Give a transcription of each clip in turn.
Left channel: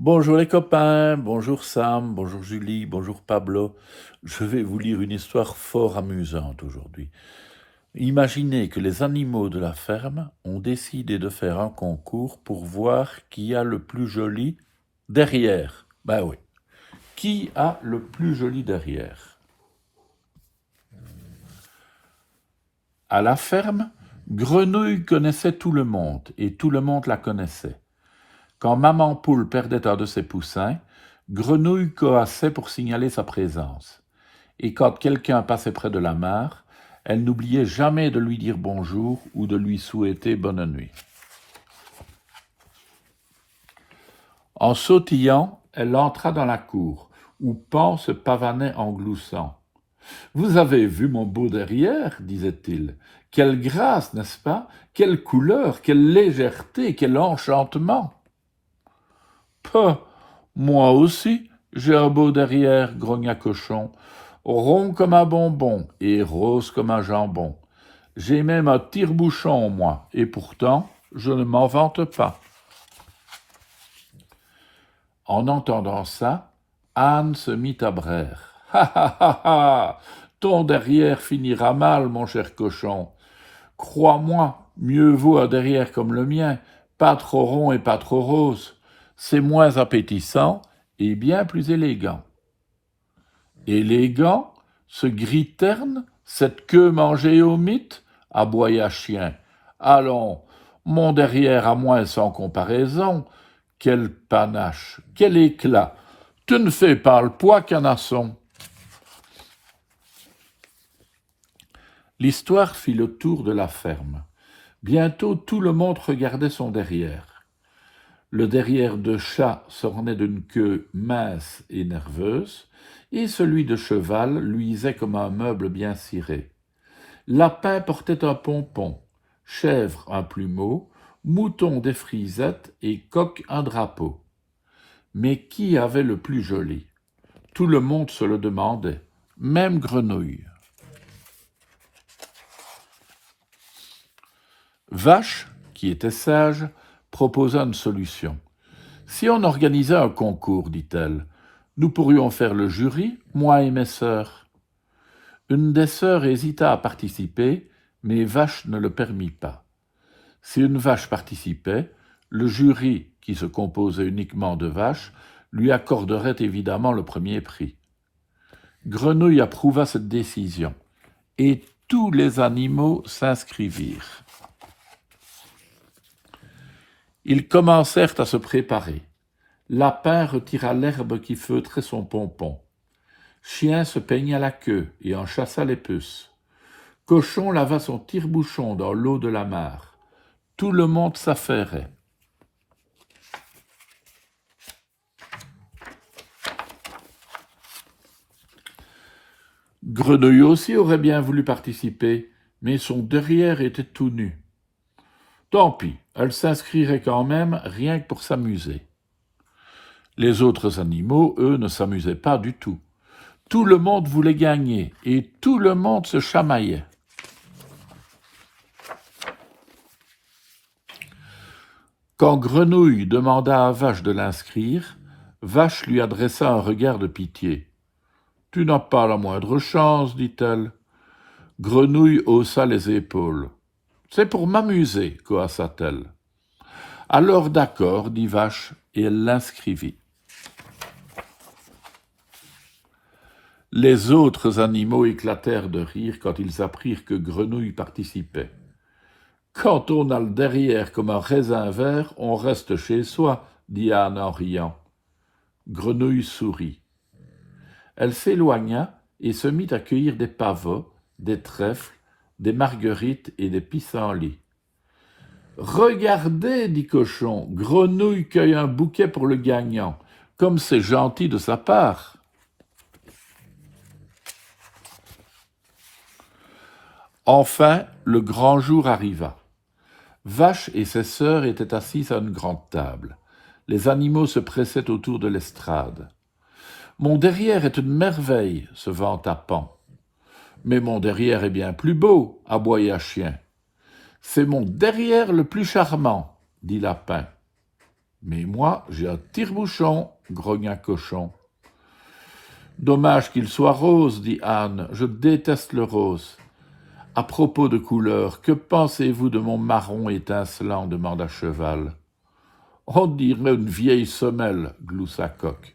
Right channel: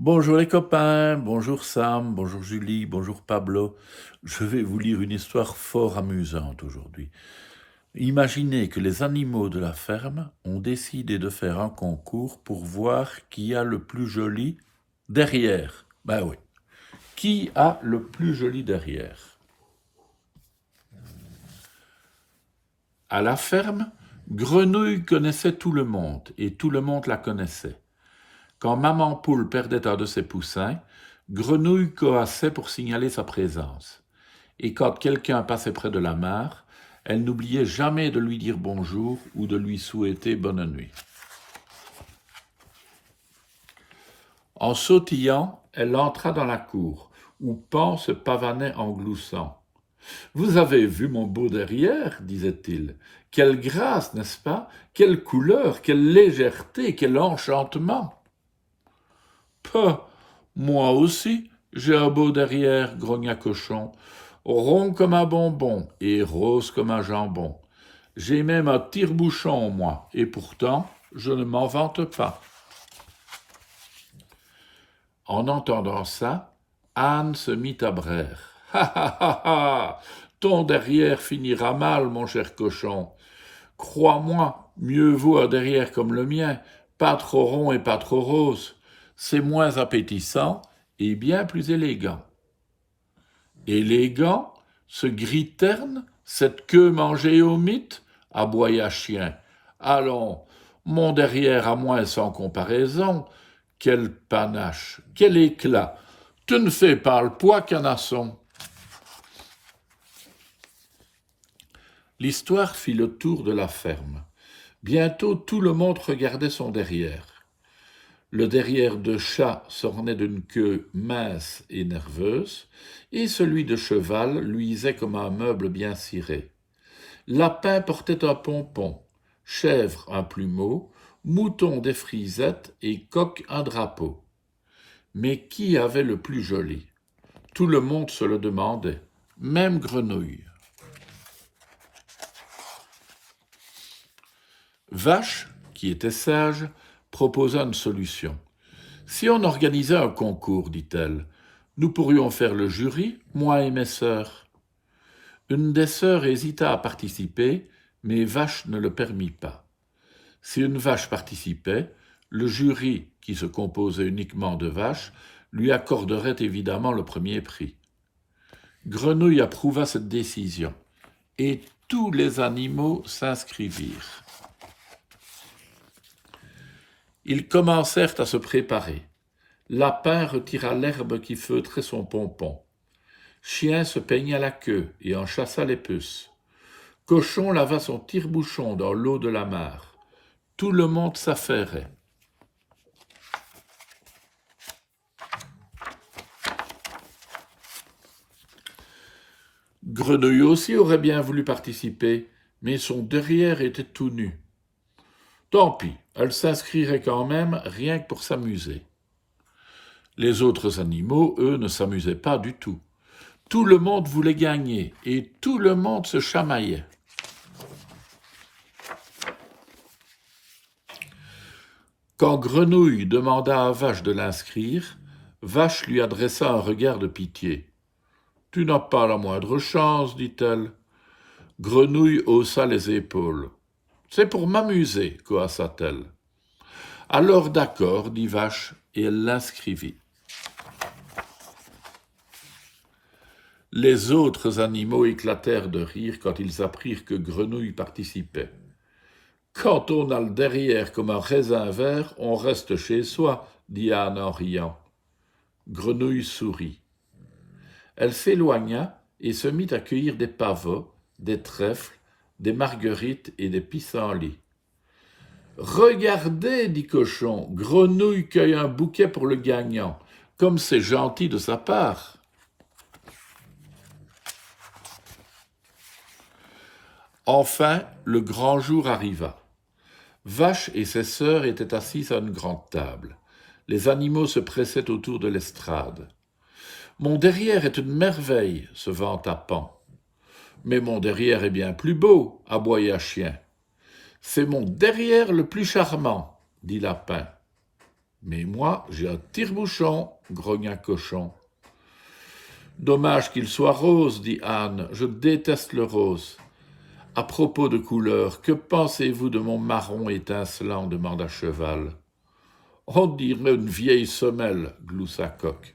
Bonjour les copains, bonjour Sam, bonjour Julie, bonjour Pablo. Je vais vous lire une histoire fort amusante aujourd'hui. Imaginez que les animaux de la ferme ont décidé de faire un concours pour voir qui a le plus joli derrière. Ben oui, qui a le plus joli derrière? À la ferme, Grenouille connaissait tout le monde et tout le monde la connaissait. Quand Maman Poule perdait un de ses poussins, Grenouille coassait pour signaler sa présence. Et quand quelqu'un passait près de la mare, elle n'oubliait jamais de lui dire bonjour ou de lui souhaiter bonne nuit. En sautillant, elle entra dans la cour, où Pan se pavanait en gloussant. « Vous avez vu mon beau derrière, disait-il. Quelle grâce, n'est-ce pas? Quelle couleur, quelle légèreté, quel enchantement! Peu, moi aussi, j'ai un beau derrière, grogna Cochon, rond comme un bonbon et rose comme un jambon. J'ai même un tire-bouchon, moi, et pourtant, je ne m'en vante pas. En entendant ça, Anne se mit à braire. Ha ha ha ha! Ton derrière finira mal, mon cher cochon. Crois-moi, mieux vaut un derrière comme le mien, pas trop rond et pas trop rose. C'est moins appétissant et bien plus élégant. Élégant, ce gris terne, cette queue mangée au mythe, aboya Chien. Allons, mon derrière à moi sans comparaison. Quel panache, quel éclat! Tu ne fais pas le poids, canasson. L'histoire fit le tour de la ferme. Bientôt tout le monde regardait son derrière. Le derrière de chat s'ornait d'une queue mince et nerveuse, et celui de cheval luisait comme un meuble bien ciré. Lapin portait un pompon, chèvre un plumeau, mouton des frisettes et coq un drapeau. Mais qui avait le plus joli? Tout le monde se le demandait, même Grenouille. Vache, qui était sage, proposa une solution. Si on organisait un concours, dit-elle, nous pourrions faire le jury, moi et mes sœurs. Une des sœurs hésita à participer, mais Vache ne le permit pas. Si une vache participait, le jury, qui se composait uniquement de vaches, lui accorderait évidemment le premier prix. Grenouille approuva cette décision, et tous les animaux s'inscrivirent. Ils commencèrent à se préparer. Lapin retira l'herbe qui feutrait son pompon. Chien se peigna la queue et en chassa les puces. Cochon lava son tire-bouchon dans l'eau de la mare. Tout le monde s'affairait. Grenouille aussi aurait bien voulu participer, mais son derrière était tout nu. Tant pis, elle s'inscrirait quand même, rien que pour s'amuser. Les autres animaux, eux, ne s'amusaient pas du tout. Tout le monde voulait gagner, et tout le monde se chamaillait. Quand Grenouille demanda à Vache de l'inscrire, Vache lui adressa un regard de pitié. « Tu n'as pas la moindre chance, dit-elle. » Grenouille haussa les épaules. « C'est pour m'amuser, coassa-t-elle. »« Alors d'accord, dit Vache, et elle l'inscrivit. Les autres animaux éclatèrent de rire quand ils apprirent que Grenouille participait. « Quand on a le derrière comme un raisin vert, on reste chez soi, dit Anne en riant. Grenouille sourit. Elle s'éloigna et se mit à cueillir des pavots, des trèfles, des marguerites et des pissenlits. « Regardez, dit Cochon, Grenouille cueille un bouquet pour le gagnant, comme c'est gentil de sa part. » Enfin, le grand jour arriva. Vache et ses sœurs étaient assises à une grande table. Les animaux se pressaient autour de l'estrade. « Mon derrière est une merveille, se vanta Pan. Mais mon derrière est bien plus beau, aboya Chien. C'est mon derrière le plus charmant, dit Lapin. Mais moi, j'ai un tire-bouchon, grogna Cochon. Dommage qu'il soit rose, dit Anne, je déteste le rose. À propos de couleur, que pensez-vous de mon marron étincelant demanda Cheval. On dirait une vieille semelle, gloussa Coq.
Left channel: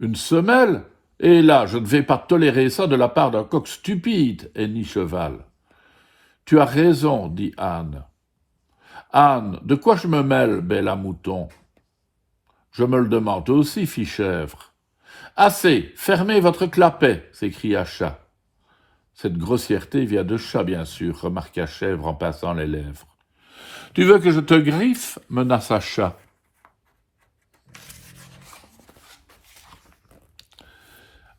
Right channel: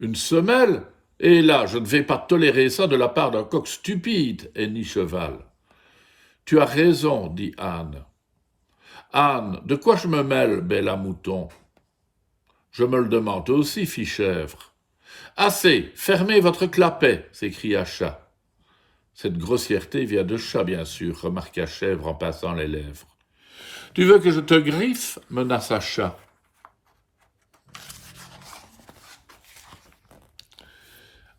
Une semelle? Et là, je ne vais pas tolérer ça de la part d'un coq stupide, hennit Cheval. Tu as raison, dit Anne. Anne, de quoi je me mêle, belle à mouton? Je me le demande aussi, fit Chèvre. Assez, fermez votre clapet, s'écria Chat. Cette grossièreté vient de Chat, bien sûr, remarqua Chèvre en passant les lèvres. Tu veux que je te griffe? Menaça Chat.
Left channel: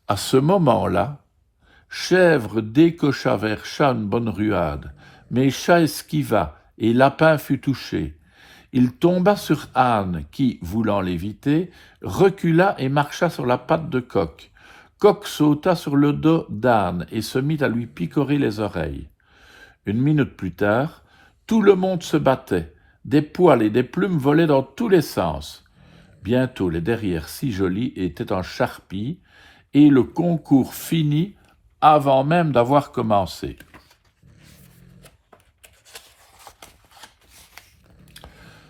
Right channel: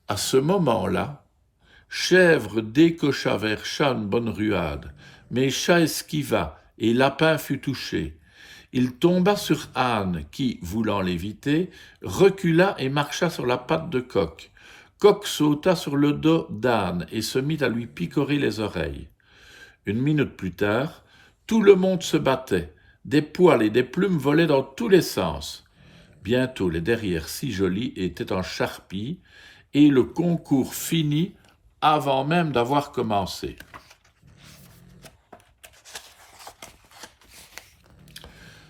À ce moment-là, Chèvre décocha vers Chat une bonne ruade, mais Chat esquiva, et Lapin fut touché. Il tomba sur Anne, qui, voulant l'éviter, recula et marcha sur la patte de Coq. Coq sauta sur le dos d'Anne et se mit à lui picorer les oreilles. Une minute plus tard, tout le monde se battait. Des poils et des plumes volaient dans tous les sens. Bientôt, les derrières si jolis étaient en charpie, et le concours finit avant même d'avoir commencé.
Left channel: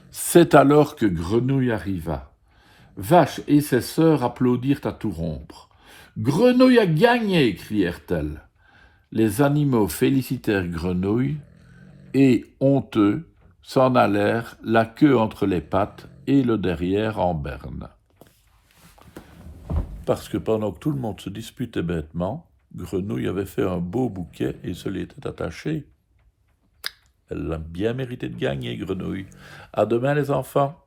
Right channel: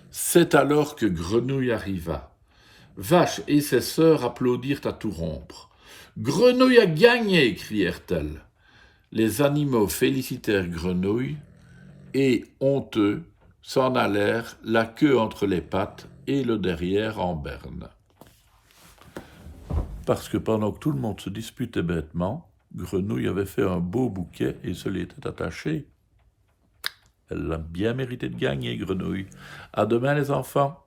C'est alors que Grenouille arriva. Vache et ses sœurs applaudirent à tout rompre. « Grenouille a gagné !» crièrent-elles. Les animaux félicitèrent Grenouille et, honteux, s'en allèrent, la queue entre les pattes et le derrière en berne. Parce que pendant que tout le monde se disputait bêtement, Grenouille avait fait un beau bouquet et se l'était attaché. Elle a bien mérité de gagner, Grenouille. À demain, les enfants.